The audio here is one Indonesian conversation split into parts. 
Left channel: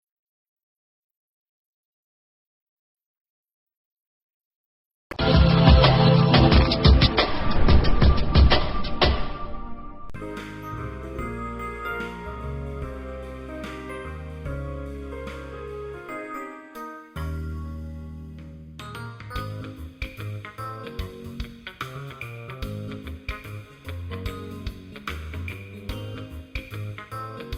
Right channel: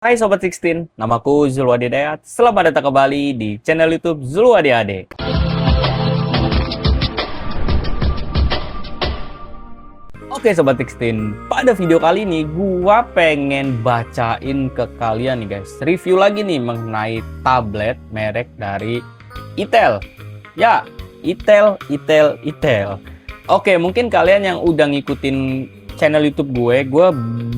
Hai Sobat Sixteen, namaku Zulwadi Dayat. Selamat datang kembali di channel YouTube Zulwadi Ade. Oke Sobat Sixteen, pada video kali ini gua pengen bacain ke kalian nih guys, review lagi nih mengenai tablet merek dari Itel. Ya, Itel. Oke, mungkin kalian yang udah ngikutin channel YouTube gue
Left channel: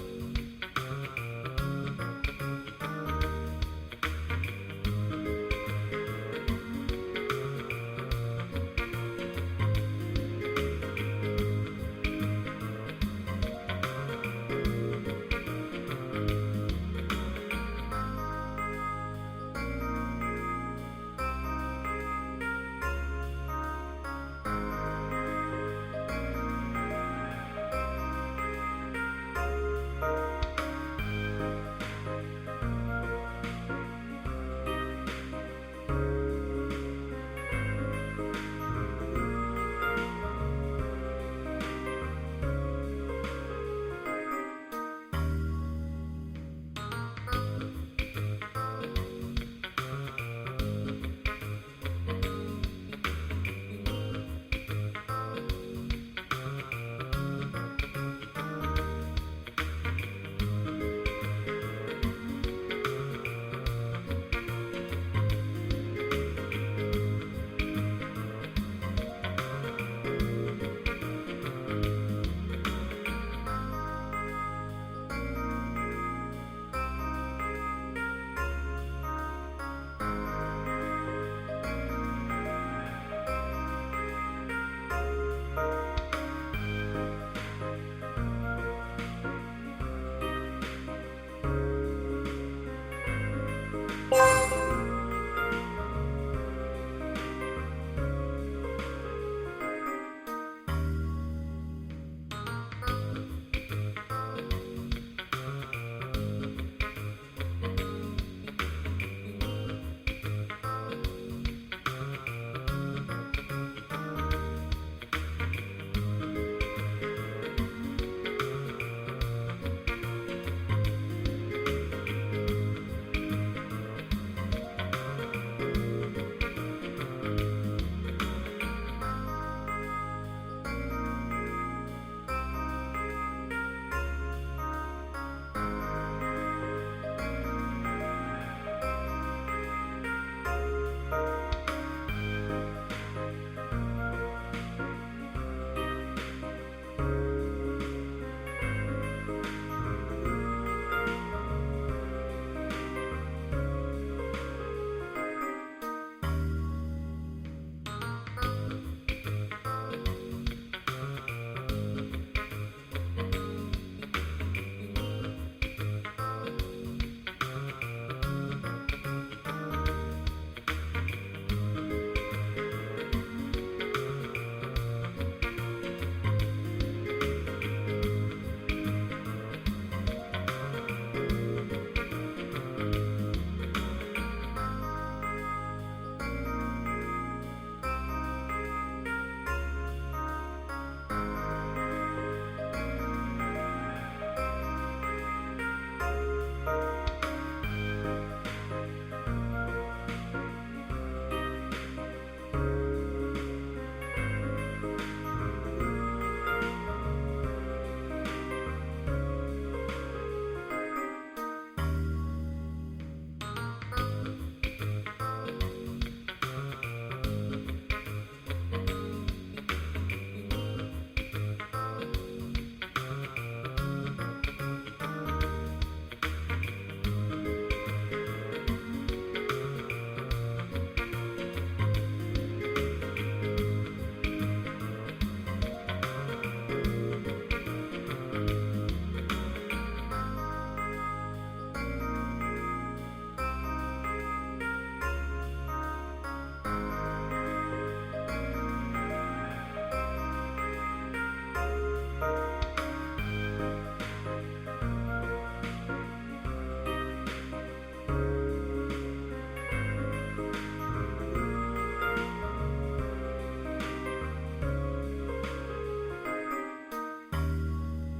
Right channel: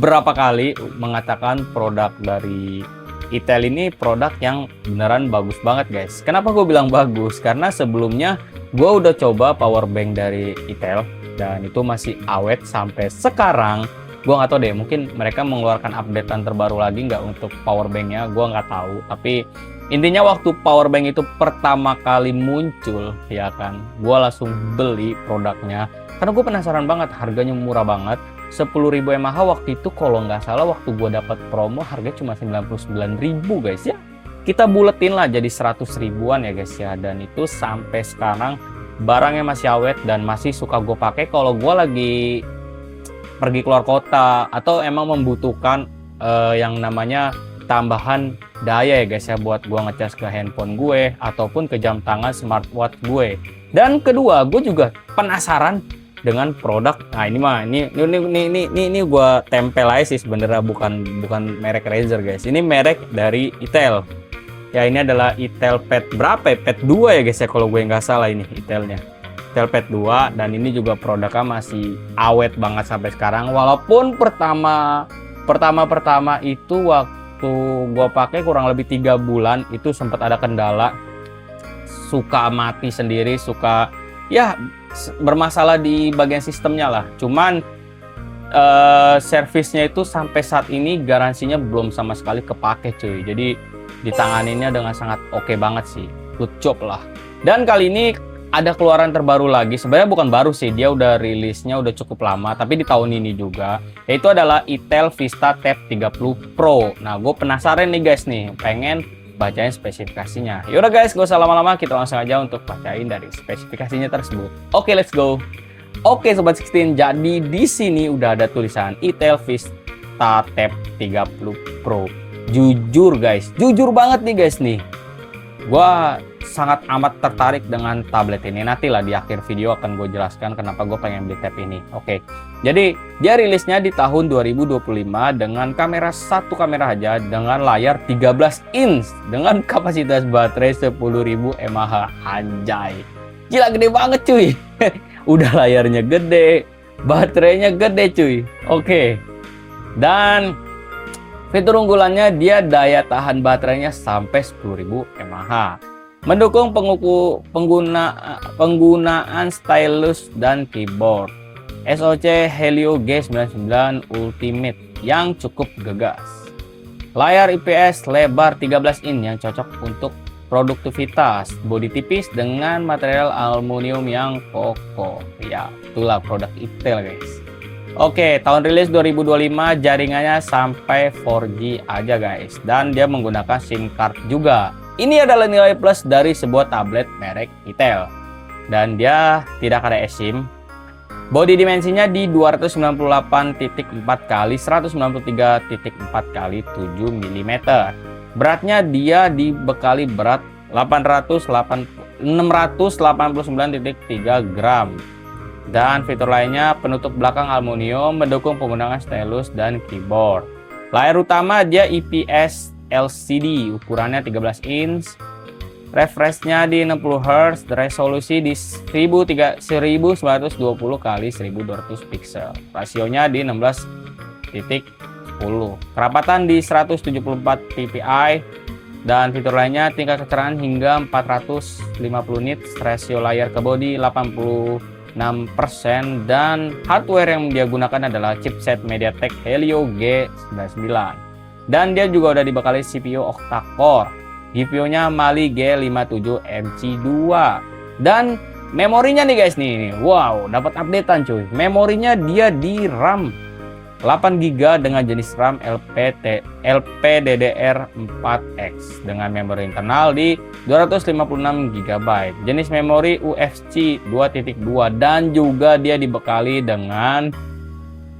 berapa kali mengatakan produk dari Itel ini produk yang beneran bagus banget guys. Kenapa gue bilang bagus? Karena sebelumnya gue udah coba power bank dari Itel dan itu masih awet sampai sekarang. Gue nggak tahu deh, mungkin mereka mengeluarkan updatean terbaru lagi nggak untuk power banknya, gue nggak tahu. Tapi intinya waktu power bank itu pertama kali muncul, ya kan, gue langsung beli produknya karena gue penasaran banget, harganya murah banget, 10.000 mAh waktu itu kalau nggak salah waktu gue dapat promo harga cuma 99.000 guys ya. Kita buletin lah jadi 100 ribuan ya guys ya, dan itu sampai sekarang barangnya masih awet dan masih suka gue pakai kalau gue lagi pergi keluar kota atau emang membutuhkan yang namanya tambahan daya ya guys ya, buat gua ngecas ke handphone gue ataupun ke jam tangan smartwatch gue. Dan kedua, gue juga penasaran dengan produk. Nah ini gua tempel aja sih sebenarnya, bukan merek Razer guys. Ini merek dari Itel. Ya ini adalah Itel Pad berapa ya? Pad 2 ya guys ya kalau gue nggak salah, ini Itelnya. Itel Pad 2, dan ini juga produknya masih awet banget sampai sekarang. Walaupun pertama itu waktu gua pakai kurang lebih 3 bulan itu sempat ada kendala, suka mati sendiri, suka ya bermasalah di bagian sistemnya lah. Cuman servisnya itu sampai saat ini garansinya belum sama sekali kepake cuy. Jadi ditanganinnya dengan sangat oke banget sih, good job lah. Dan kali ini ada keluaran terbaru lagi, sebenarnya bukan baru sih, dia udah rilisnya udah cukup lama, tapi di tahun ini juga, yaitu adalah Itel Vista Tab 30 Pro. Nah, gue penasaran nih guys nih, pengen bacain spesifikasinya. Yaudah guys, gak usah lama-lama, kita langsung aja untuk bacain dari spesifikasinya tersebut. Oke, let's go. Oke Sobat 16, jadi di sini udah ada tulisan Itel Vista Tab 30 Pro. Jujur guys, jujur banget nih guys nih, gua sangat amat tertarik dengan tablet ini. Nanti lah di akhir video akan gue jelaskan kenapa gue pengen beli tab ini. Oke, jadi dia rilisnya di tahun 2025 dengan satu kamera aja dengan layar 13 inch dengan kapasitas baterai 10.000 mAh. Anjay, gila gede banget cuy. Udah layarnya gede, baterainya gede cuy. Oke, dan fitur unggulannya dia daya tahan baterainya sampai 10.000 mAh. Mendukung penggunaan stylus dan keyboard. SoC Helio G99 Ultimate yang cukup gegas. Layar IPS lebar 13 in yang cocok untuk produktivitas. Bodi tipis dengan material aluminium yang kokoh. Ya, itulah produk Itel guys. Oke, tahun rilis 2025, jaringannya sampai 4G aja guys. Dan dia menggunakan SIM card juga. Ini adalah nilai plus dari sebuah tablet merek Itel. Dan dia tidak ada eSIM. Bodi dimensinya di 298.4 x 193.4 x 7 mm. Beratnya dia dibekali berat 689.3 gram. Dan fitur lainnya, penutup belakang aluminium, mendukung penggunaan stylus dan keyboard. Layar utama dia IPS LCD, ukurannya 13 inch, refreshnya di 60 Hz, resolusi di 1920 x 1200 pixel, rasionya di 16:10, kerapatan di 174 ppi, dan fitur lainnya tingkat kecerahan hingga 450 nits, rasio layar ke bodi 86%, dan hardware yang dia gunakan adalah chipset MediaTek Helio G99. Dan dia juga udah dibekali CPU octa-core, GPU-nya Mali G57MC2, dan memorinya nih guys nih, wow, dapat updatean cuy. Memorinya dia di RAM 8GB dengan jenis RAM LPDDR4X dengan memori internal di 256GB, jenis memori UFC 2.2, dan juga dia dibekali dengan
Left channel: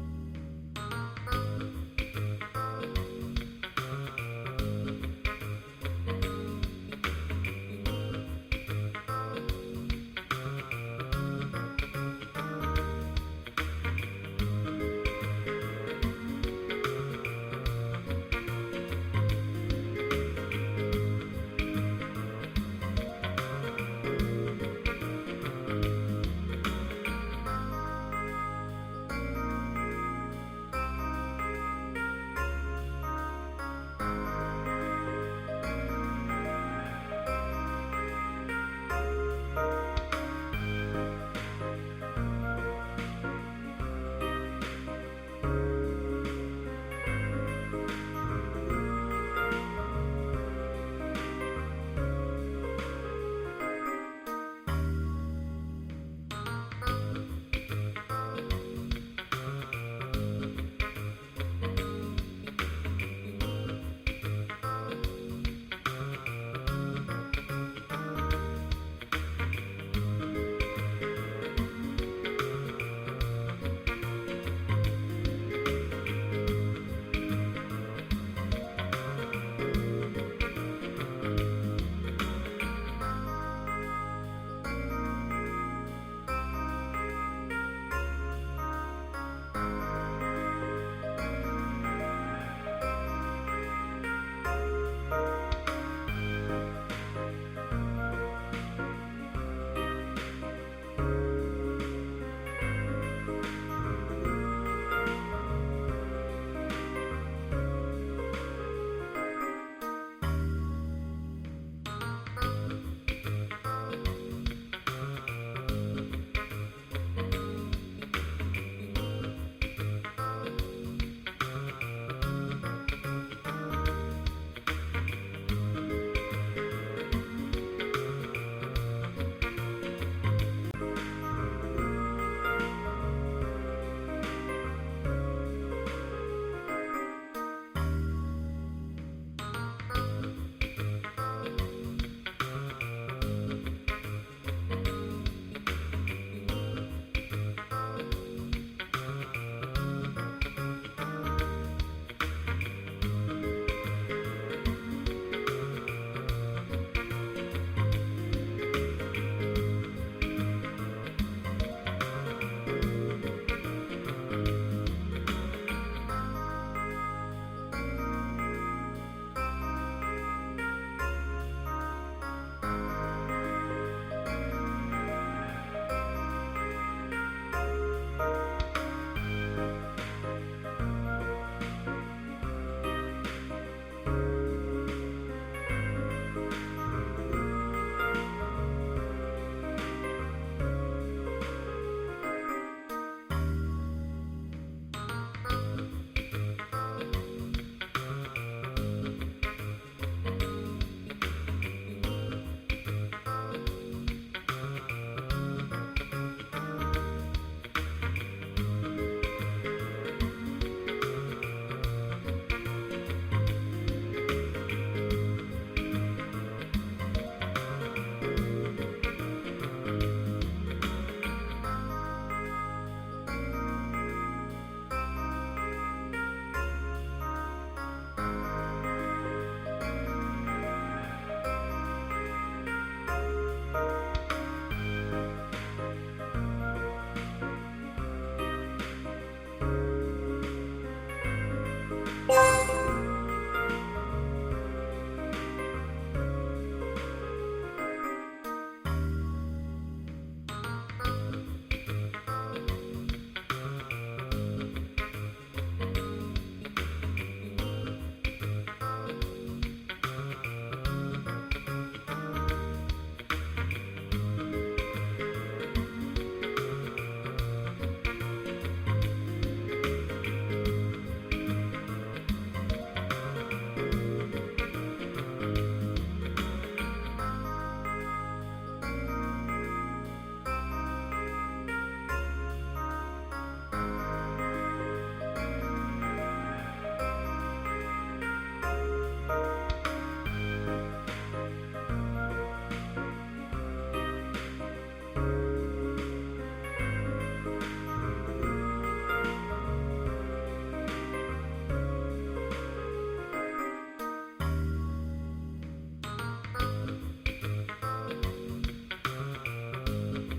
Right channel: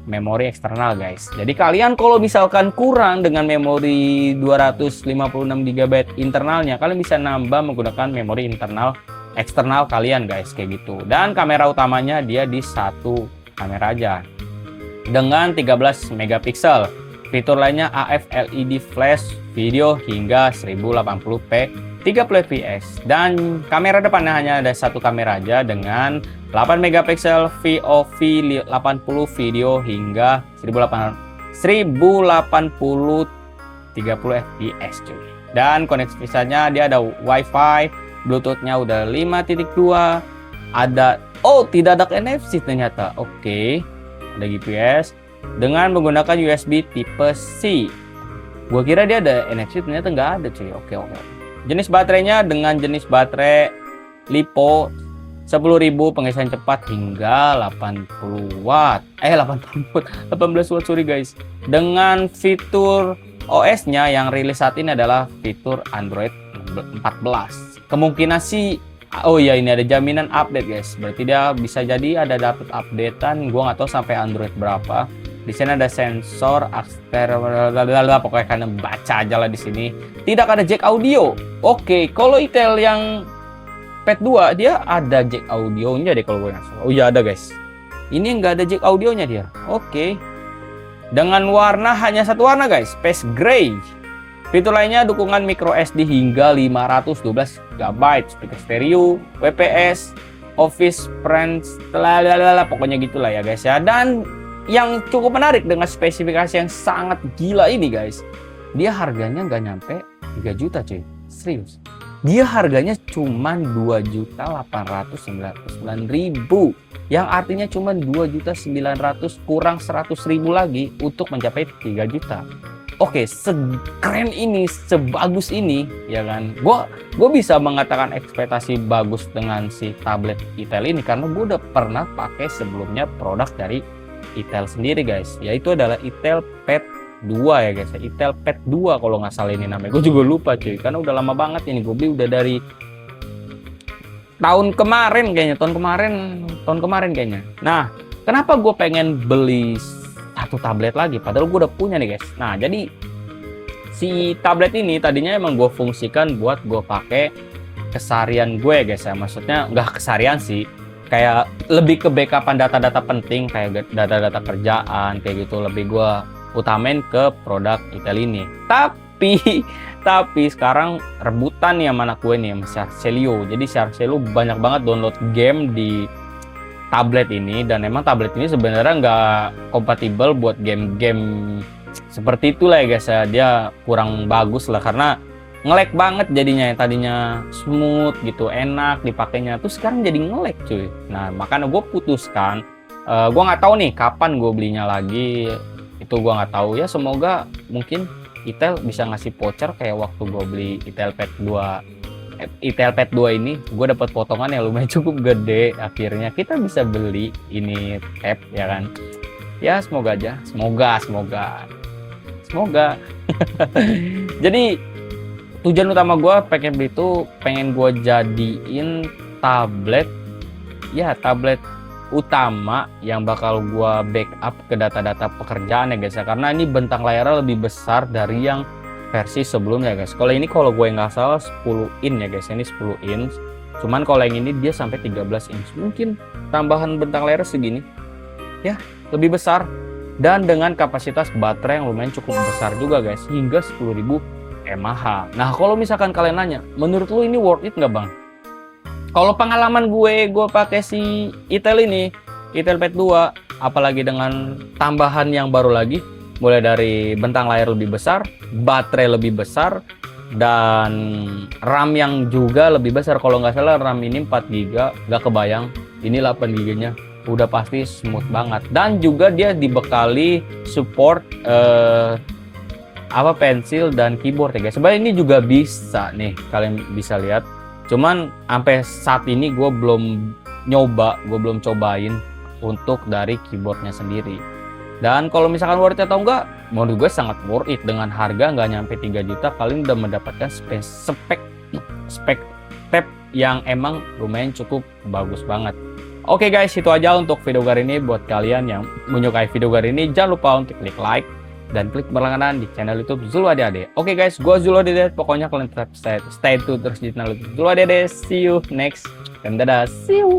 memori eksternal guys. Jadi kalian kalau misalkan kurang dengan memori 256 GB internalnya, kalian bisa nambah menggunakan memori internal eksternal kalian guys, kayak gitu. Dan kamera utamanya dia di satu kamera aja dengan 13 megapiksel. Fitur lainnya AF LED flash video hingga 1080p 30 fps, dan kamera depannya hanya ada satu kamera aja dengan 8 megapiksel VOV 80 video hingga 1080 30 fps cuy. Dan konektivitasnya dia ada WiFi, Bluetooth-nya udah 5.2, ada tidak ada NFC ternyata. Oke. Ada GPS dengan menggunakan USB tipe C. Gua kira dia ada NFC, ternyata nggak ada cuy. Oke. Jenis baterainya dengan jenis baterai LiPo 10.000 pengisian cepat hingga 80 watt. 18 watt, sorry guys. Dengan fitur OS-nya yang rilis saat ini adalah fitur Android 14. Kemungkinan sih ini ada jaminan update guys. Berarti dia bisa jadi ada dapat updatean. Gua nggak tahu sampai Android berapa. Di sini ada sensor pokoknya kalian baca aja lah di sini. Tidak ada jack audio. Oke, kalau Itel yang Pad 2 dia ada jack audionya deh kalau gue nggak salah. Oh iya ada guys. Ini nggak ada jack audionya dia. Oke. Dengan warna hanya satu warna guys, Space Gray. Fitur lainnya dukungan micro SD hingga 512 GB, speaker stereo, WPS, Office Friends, pokoknya gitulah ya guys ya. Dan yang cukup menarik dengan spesifikasi yang sangat gila ini guys, dia harganya nggak nyampe 3 juta cuy, serius. Dia harganya cuma 2.899.000, yang artinya cuma 2.900.000 kurang 100.000 lagi untuk mencapai 3 juta. Oke, sekeren ini, sebagus ini, ya kan? Gue bisa mengatakan ekspektasi bagus dengan si tablet Itel ini karena gue udah pernah pakai sebelumnya produk dari Itel sendiri guys, yaitu adalah Itel Pad 2 ya guys, Itel Pad 2 kalau nggak salah ini namanya. Gue juga lupa cuy, karena udah lama banget ini. Gue beli udah dari tahun kemarin kayaknya. Nah, kenapa gue pengen beli satu tablet lagi padahal gue udah punya nih guys. Nah, jadi si tablet ini tadinya emang gue fungsikan buat gue pakai keseharian gue guys ya. Maksudnya nggak keseharian sih, kayak lebih ke backupan data-data penting kayak data-data kerjaan kayak gitu, lebih gue utamain ke produk Itel ini. Tapi sekarang rebutan nih sama anak gue nih, sama Sharkcelio. Jadi Sharkcelio banyak banget download game di tablet ini, dan emang tablet ini sebenarnya nggak kompatibel buat game-game seperti itulah ya guys ya. Dia kurang bagus lah karena nge-lag banget jadinya, yang tadinya smooth gitu, enak dipakainya, tuh sekarang jadi nge-lag cuy. Nah makanya gue putuskan, gue nggak tahu nih kapan gue belinya lagi, itu gue nggak tahu ya. Semoga mungkin Itel bisa ngasih voucher kayak waktu gue beli Itel Pad 2 ini, gue dapat potongan yang lumayan cukup gede. Akhirnya kita bisa beli ini tab ya kan. Ya semoga aja, semoga. Jadi tujuan utama gue pengen beli itu, pengen gue jadiin tablet utama yang bakal gue backup ke data-data pekerjaan ya guys ya. Karena ini bentang layarnya lebih besar dari yang versi sebelumnya guys. Kalau ini kalau gue nggak salah 10 in ya guys, ini 10 inch. Cuman kalau yang ini dia sampai 13 inch. Mungkin tambahan bentang layar segini ya, lebih besar, dan dengan kapasitas baterai yang lumayan cukup besar juga guys, hingga 10.000 mAh. Nah kalau misalkan kalian nanya, menurut lu ini worth it nggak bang? Kalau pengalaman gue pakai si Itel ini, Itel Pad 2, apalagi dengan tambahan yang baru lagi, mulai dari bentang layar lebih besar, baterai lebih besar, dan RAM yang juga lebih besar. Kalau nggak salah RAM ini 4 GB, nggak kebayang. Ini 8 GB-nya, udah pasti smooth banget. Dan juga dia dibekali support pensil dan keyboard ya guys. Sebenarnya ini juga bisa nih, kalian bisa lihat. Cuman sampai saat ini gue belum cobain untuk dari keyboardnya sendiri. Dan kalau misalkan worth it atau enggak, menurut gue sangat worth it. Dengan harga nggak nyampe 3 juta, kalian udah mendapatkan spek tab yang emang lumayan cukup bagus banget. Oke guys, itu aja untuk video kali ini. Buat kalian yang menyukai video kali ini, jangan lupa untuk klik like dan klik berlangganan di channel YouTube Zulu Ade-Ade. Oke guys, gue Zulu Ade-Ade. Pokoknya kalian tetap stay tune terus di channel YouTube Zulu Ade-Ade. See you next. Dan dadah, see you.